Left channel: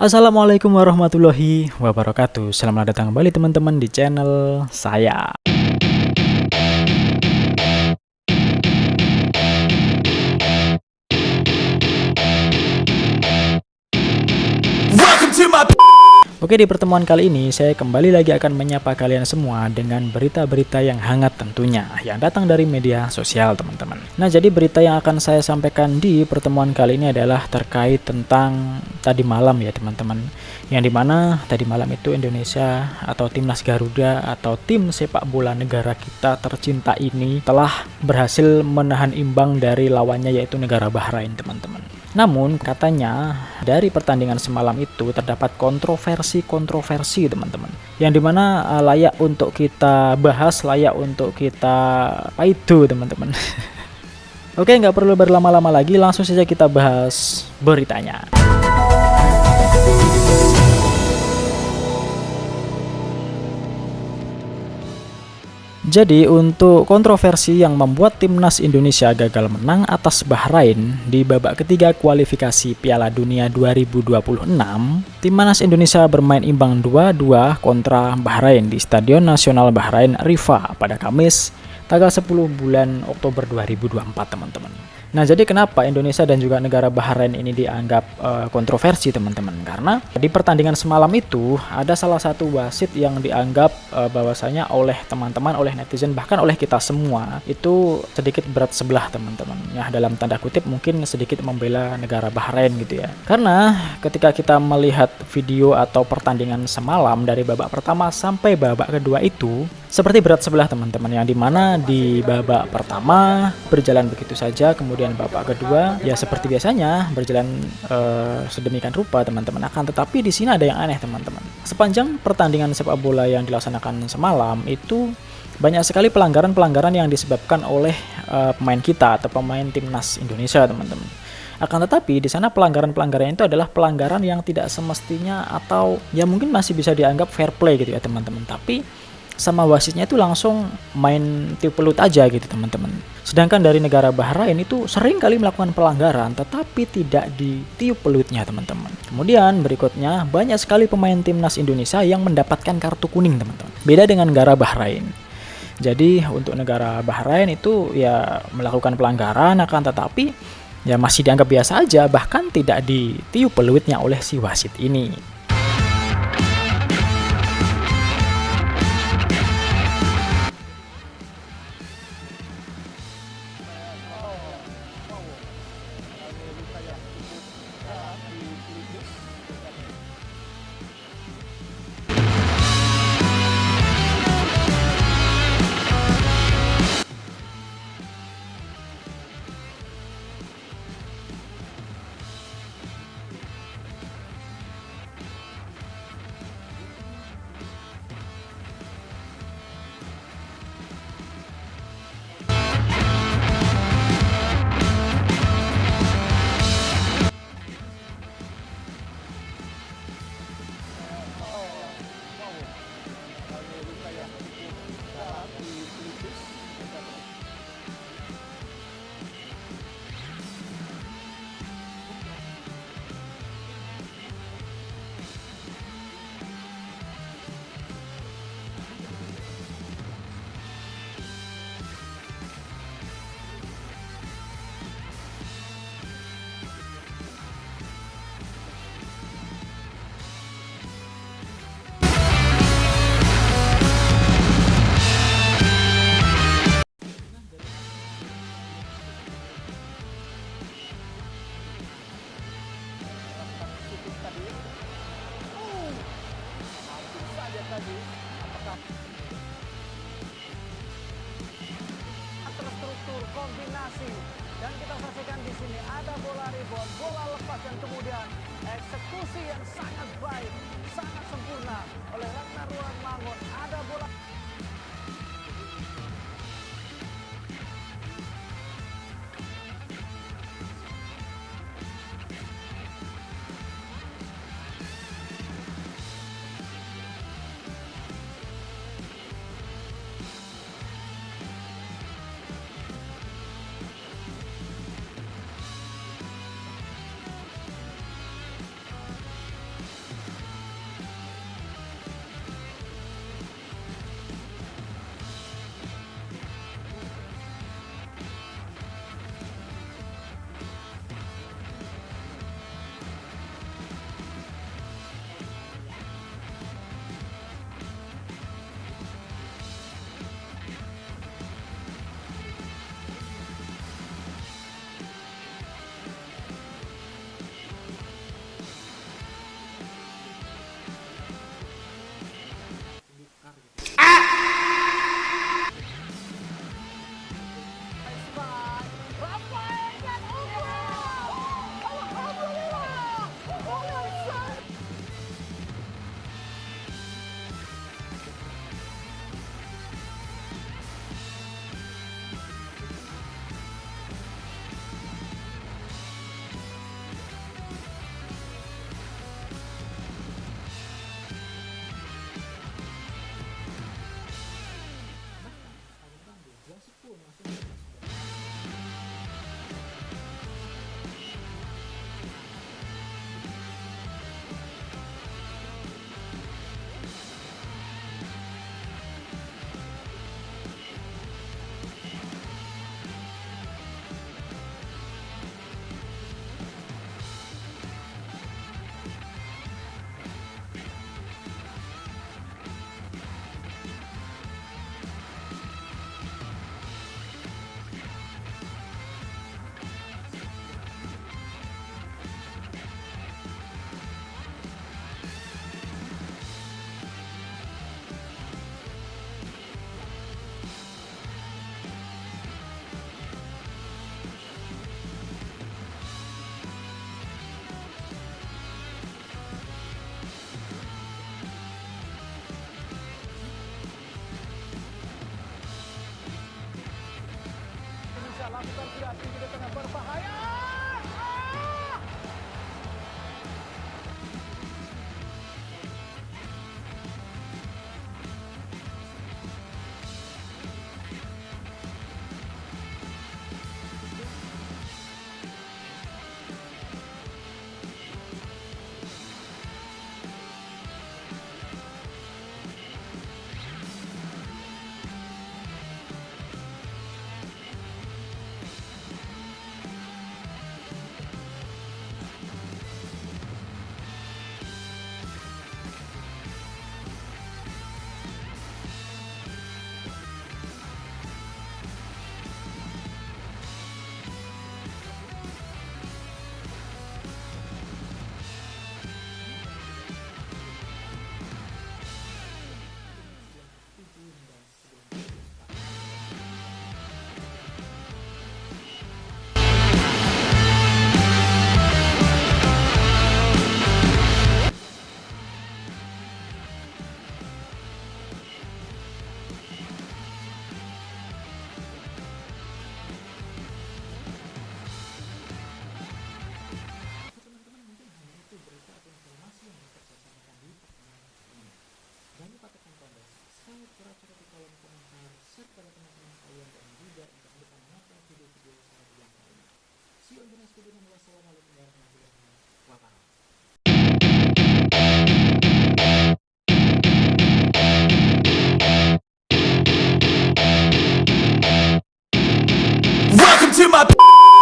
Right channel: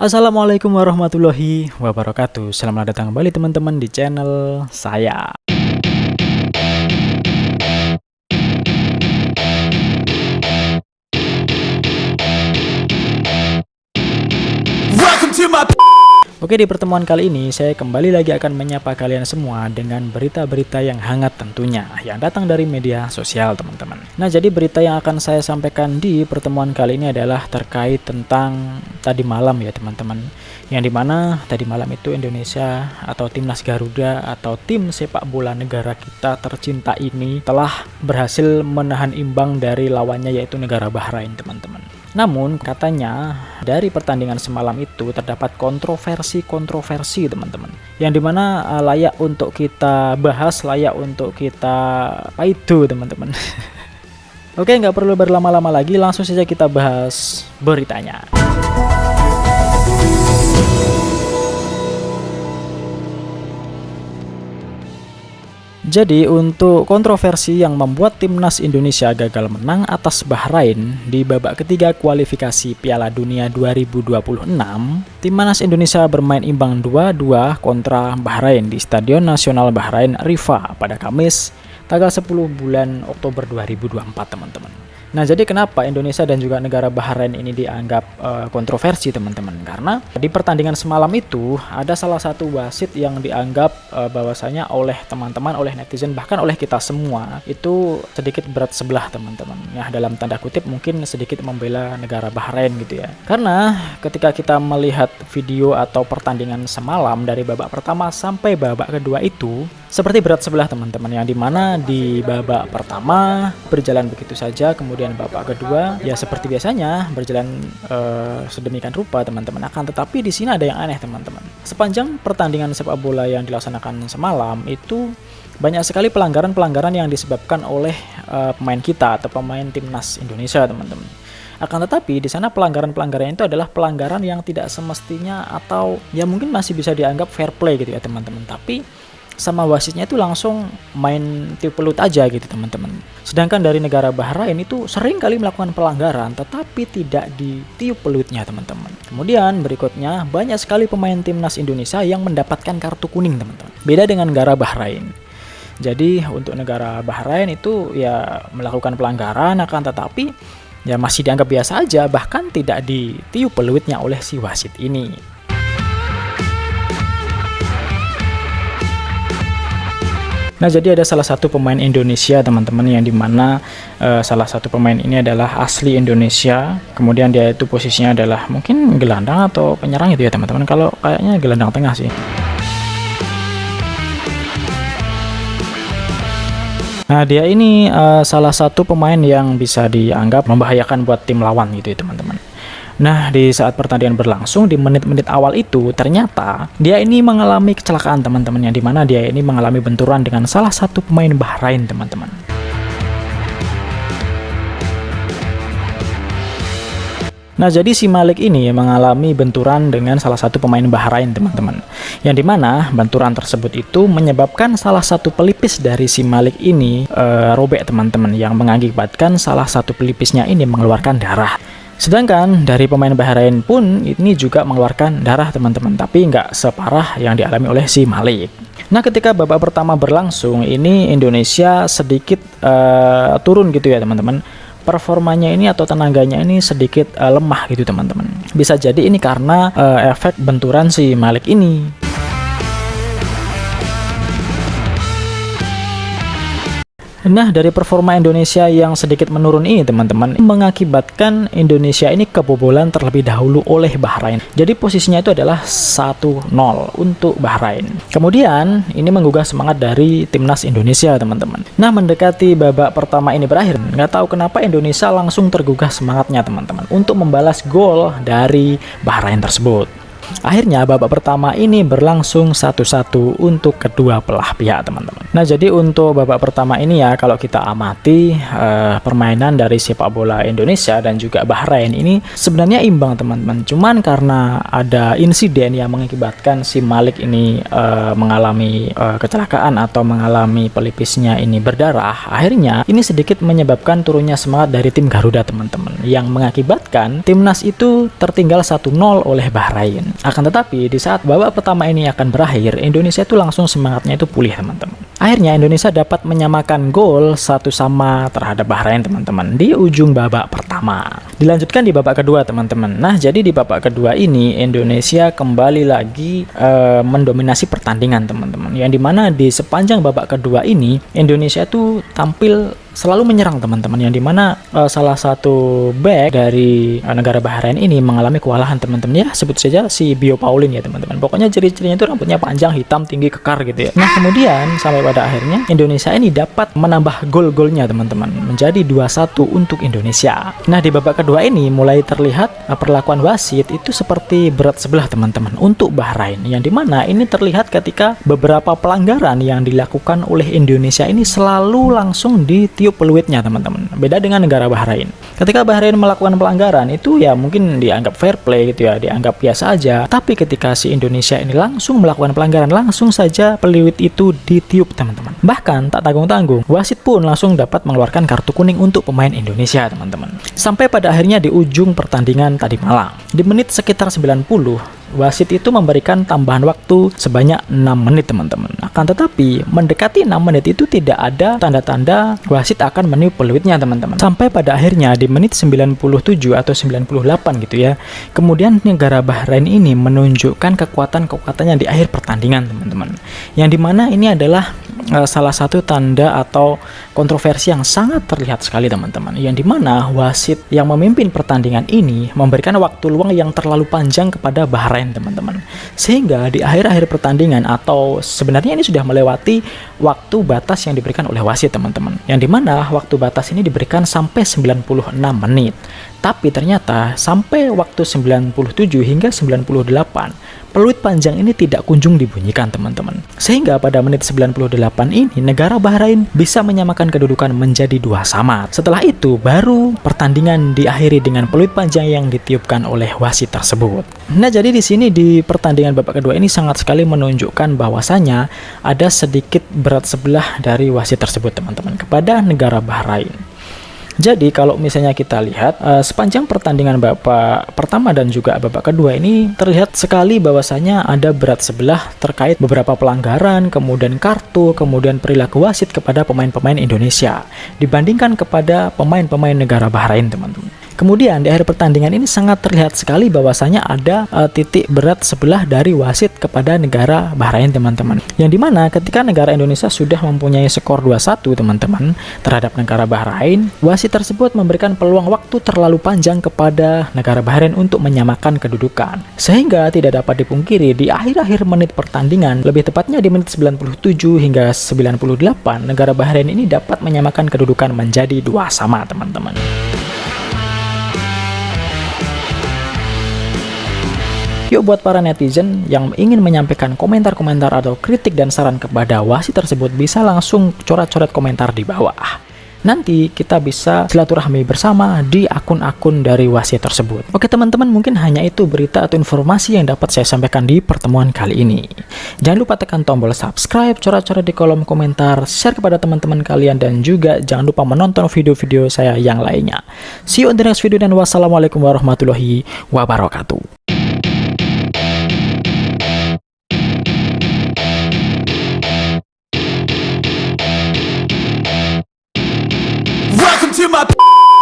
Assalamualaikum warahmatullahi wabarakatuh. Selamat datang kembali teman-teman di channel saya. Welcome to my... Oke, di pertemuan kali ini saya kembali lagi akan menyapa kalian semua dengan berita-berita yang hangat tentunya yang datang dari media sosial teman-teman. Nah, jadi berita yang akan saya sampaikan di pertemuan kali ini adalah terkait tentang tadi malam ya teman-teman. Yang dimana tadi malam itu Indonesia atau Timnas Garuda atau tim sepak bola negara kita tercinta ini telah berhasil menahan imbang dari lawannya yaitu negara Bahrain teman-teman. Namun katanya dari pertandingan semalam itu terdapat kontroversi teman-teman, yang dimana layak untuk kita bahas, layak untuk kita paidu teman-teman. Oke, nggak perlu berlama-lama lagi, langsung saja kita bahas beritanya. Jadi untuk kontroversi yang membuat timnas Indonesia gagal menang atas Bahrain di babak ketiga kualifikasi Piala Dunia 2026, timnas Indonesia bermain imbang 2-2 kontra Bahrain di Stadion Nasional Bahrain Rifa pada Kamis tanggal 10 bulan Oktober 2024 teman-teman. Nah, jadi kenapa Indonesia dan juga negara Bahrain ini dianggap kontroversi teman-teman? Karena di pertandingan semalam itu ada salah satu wasit yang dianggap bahwasanya oleh teman-teman, oleh netizen, bahkan oleh kita semua itu sedikit berat sebelah teman-teman. Ya, dalam tanda kutip mungkin sedikit membela negara Bahrain gitu ya. Karena ketika kita melihat video atau pertandingan semalam dari babak pertama sampai babak kedua itu seperti berat sebelah teman-teman, yang dimana di babak pertama berjalan begitu saja, kemudian babak kedua ya seperti biasanya berjalan sedemikian rupa teman-teman. Akan tetapi di sini ada yang aneh teman-teman. Sepanjang pertandingan sepak bola yang dilaksanakan semalam itu banyak sekali pelanggaran-pelanggaran yang disebabkan oleh pemain kita atau pemain timnas Indonesia teman-teman. Akan tetapi di sana pelanggaran-pelanggaran itu adalah pelanggaran yang tidak semestinya atau ya mungkin masih bisa dianggap fair play gitu ya teman-teman. Tapi sama wasitnya itu langsung main tiup pelut aja gitu teman-teman. Sedangkan dari negara Bahrain itu sering kali melakukan pelanggaran tetapi tidak ditiup pelutnya teman-teman. Kemudian berikutnya banyak sekali pemain timnas Indonesia yang mendapatkan kartu kuning teman-teman. Beda dengan negara Bahrain. Jadi untuk negara Bahrain itu ya melakukan pelanggaran akan tetapi ya masih dianggap biasa aja, bahkan tidak ditiup pelutnya oleh si wasit ini. Nah, jadi ada salah satu pemain Indonesia teman-teman, yang dimana salah satu pemain ini adalah asli Indonesia. Kemudian dia itu posisinya adalah mungkin gelandang atau penyerang itu ya teman-teman. Kalau kayaknya gelandang tengah sih. Nah, dia ini salah satu pemain yang bisa dianggap membahayakan buat tim lawan gitu ya teman-teman. Nah, di saat pertandingan berlangsung di menit-menit awal itu ternyata dia ini mengalami kecelakaan teman-teman, yang dimana dia ini mengalami benturan dengan salah satu pemain Bahrain teman-teman. Nah, jadi si Malik ini mengalami benturan dengan salah satu pemain Bahrain teman-teman, yang dimana benturan tersebut itu menyebabkan salah satu pelipis dari si Malik ini robek teman-teman, yang mengakibatkan salah satu pelipisnya ini mengeluarkan darah. Sedangkan dari pemain Bahrain pun ini juga mengeluarkan darah teman-teman, tapi nggak separah yang dialami oleh si Malik. Nah, ketika babak pertama berlangsung ini Indonesia sedikit turun gitu ya teman-teman. Performanya ini atau tenaganya ini sedikit lemah gitu teman-teman. Bisa jadi ini karena efek benturan si Malik ini. Nah, dari performa Indonesia yang sedikit menurun ini teman-teman mengakibatkan Indonesia ini kebobolan terlebih dahulu oleh Bahrain. Jadi posisinya itu adalah 1-0 untuk Bahrain. Kemudian ini menggugah semangat dari timnas Indonesia teman-teman. Nah, mendekati babak pertama ini berakhir, nggak tahu kenapa Indonesia langsung tergugah semangatnya teman-teman untuk membalas gol dari Bahrain tersebut. Akhirnya babak pertama ini berlangsung 1-1 untuk kedua belah pihak, teman-teman. Nah, jadi untuk babak pertama ini ya, kalau kita amati permainan dari sepak bola Indonesia dan juga Bahrain ini sebenarnya imbang, teman-teman. Cuman karena ada insiden yang mengakibatkan si Malik ini mengalami kecelakaan atau mengalami pelipisnya ini berdarah, akhirnya ini sedikit menyebabkan turunnya semangat dari tim Garuda, teman-teman, yang mengakibatkan timnas itu tertinggal 1-0 oleh Bahrain. Akan tetapi di saat babak pertama ini akan berakhir, Indonesia itu langsung semangatnya itu pulih, teman-teman. Akhirnya Indonesia dapat menyamakan gol 1-1 terhadap Bahrain, teman-teman, di ujung babak pertama. Dilanjutkan di babak kedua, teman-teman. Nah, jadi di babak kedua ini Indonesia kembali lagi mendominasi pertandingan, teman-teman. Yang dimana di sepanjang babak kedua ini Indonesia itu tampil selalu menyerang, teman-teman, yang dimana salah satu back dari negara Bahrain ini mengalami kewalahan, teman-teman, ya sebut saja si Bio Paulin ya, teman-teman. Pokoknya ciri-cirinya itu rambutnya panjang, hitam, tinggi, kekar gitu ya. Nah, kemudian sampai pada akhirnya Indonesia ini dapat menambah gol-golnya, teman-teman, menjadi 2-1 untuk Indonesia. Nah, di babak kedua ini mulai terlihat perlakuan wasit itu seperti berat sebelah, teman-teman, untuk Bahrain, yang dimana ini terlihat ketika beberapa pelanggaran yang dilakukan oleh Indonesia ini selalu langsung ditiup peluitnya, teman-teman. Beda dengan negara Bahrain. Ketika Bahrain melakukan pelanggaran itu ya mungkin dianggap fair play gitu ya, dianggap biasa aja. Tapi ketika si Indonesia ini langsung melakukan pelanggaran, langsung saja peluit itu ditiup, teman-teman. Bahkan tak tanggung-tanggung, wasit pun langsung dapat mengeluarkan kartu kuning untuk pemain Indonesia, teman-teman. Sampai pada akhirnya di ujung pertandingan tadi malam, di menit sekitar 90, wasit itu memberikan tambahan waktu sebanyak 6 menit, teman-teman. Akan tetapi mendekati 6 menit itu tidak ada tanda-tanda wasit akan meniup peluitnya, teman-teman. Sampai pada akhirnya di menit 97 atau 98 gitu ya. Kemudian negara Bahrain ini menunjukkan kekuatan-kekuatannya di akhir pertandingan, teman-teman. Yang dimana ini adalah salah satu tanda atau kontroversi yang sangat terlihat sekali, teman-teman, yang dimana wasit yang memimpin pertandingan ini memberikan waktu luang yang terlalu panjang kepada Bahrain, teman-teman, sehingga di akhir-akhir pertandingan atau sebenarnya ini sudah melewati waktu batas yang diberikan oleh wasit, teman-teman, yang dimana waktu batas ini diberikan sampai 96 menit, tapi ternyata sampai waktu 97 hingga 98 peluit panjang ini tidak kunjung dibunyikan, teman-teman. Sehingga pada menit 98 ini negara Bahrain bisa menyamakan kedudukan menjadi 2-2. Setelah itu baru pertandingan diakhiri dengan peluit panjang yang ditiupkan oleh wasit tersebut. Nah, jadi di sini di pertandingan babak kedua ini sangat sekali menunjukkan bahwasanya ada sedikit berat sebelah dari wasit tersebut, teman-teman, kepada negara Bahrain. Jadi kalau misalnya kita lihat sepanjang pertandingan babak pertama dan juga babak kedua ini terlihat sekali bahwasanya ada berat sebelah terkait beberapa pelanggaran, kemudian kartu, kemudian perilaku wasit kepada pemain-pemain Indonesia dibandingkan kepada pemain-pemain negara Bahrain, teman-teman. Kemudian di akhir pertandingan ini sangat terlihat sekali bahwasanya ada titik berat sebelah dari wasit kepada negara Bahrain, teman-teman. Yang dimana ketika negara Indonesia sudah mempunyai skor 2-1, teman-teman, terhadap negara Bahrain, wasit tersebut memberikan peluang waktu terlalu panjang kepada negara Bahrain untuk menyamakan kedudukan. Sehingga tidak dapat dipungkiri di akhir-akhir menit pertandingan, lebih tepatnya di menit 97 hingga 98, negara Bahrain ini dapat menyamakan kedudukan menjadi 2-2, teman-teman. Yuk, buat para netizen yang ingin menyampaikan komentar-komentar atau kritik dan saran kepada wasit tersebut, bisa langsung coret-coret komentar di bawah. Nanti kita bisa silaturahmi bersama di akun-akun dari wasit tersebut. Oke, teman-teman, mungkin hanya itu berita atau informasi yang dapat saya sampaikan di pertemuan kali ini. Jangan lupa tekan tombol subscribe, coret-coret di kolom komentar, share kepada teman-teman kalian, dan juga jangan lupa menonton video-video saya yang lainnya. See you on the next video, dan wassalamualaikum warahmatullahi wabarakatuh. Welcome to my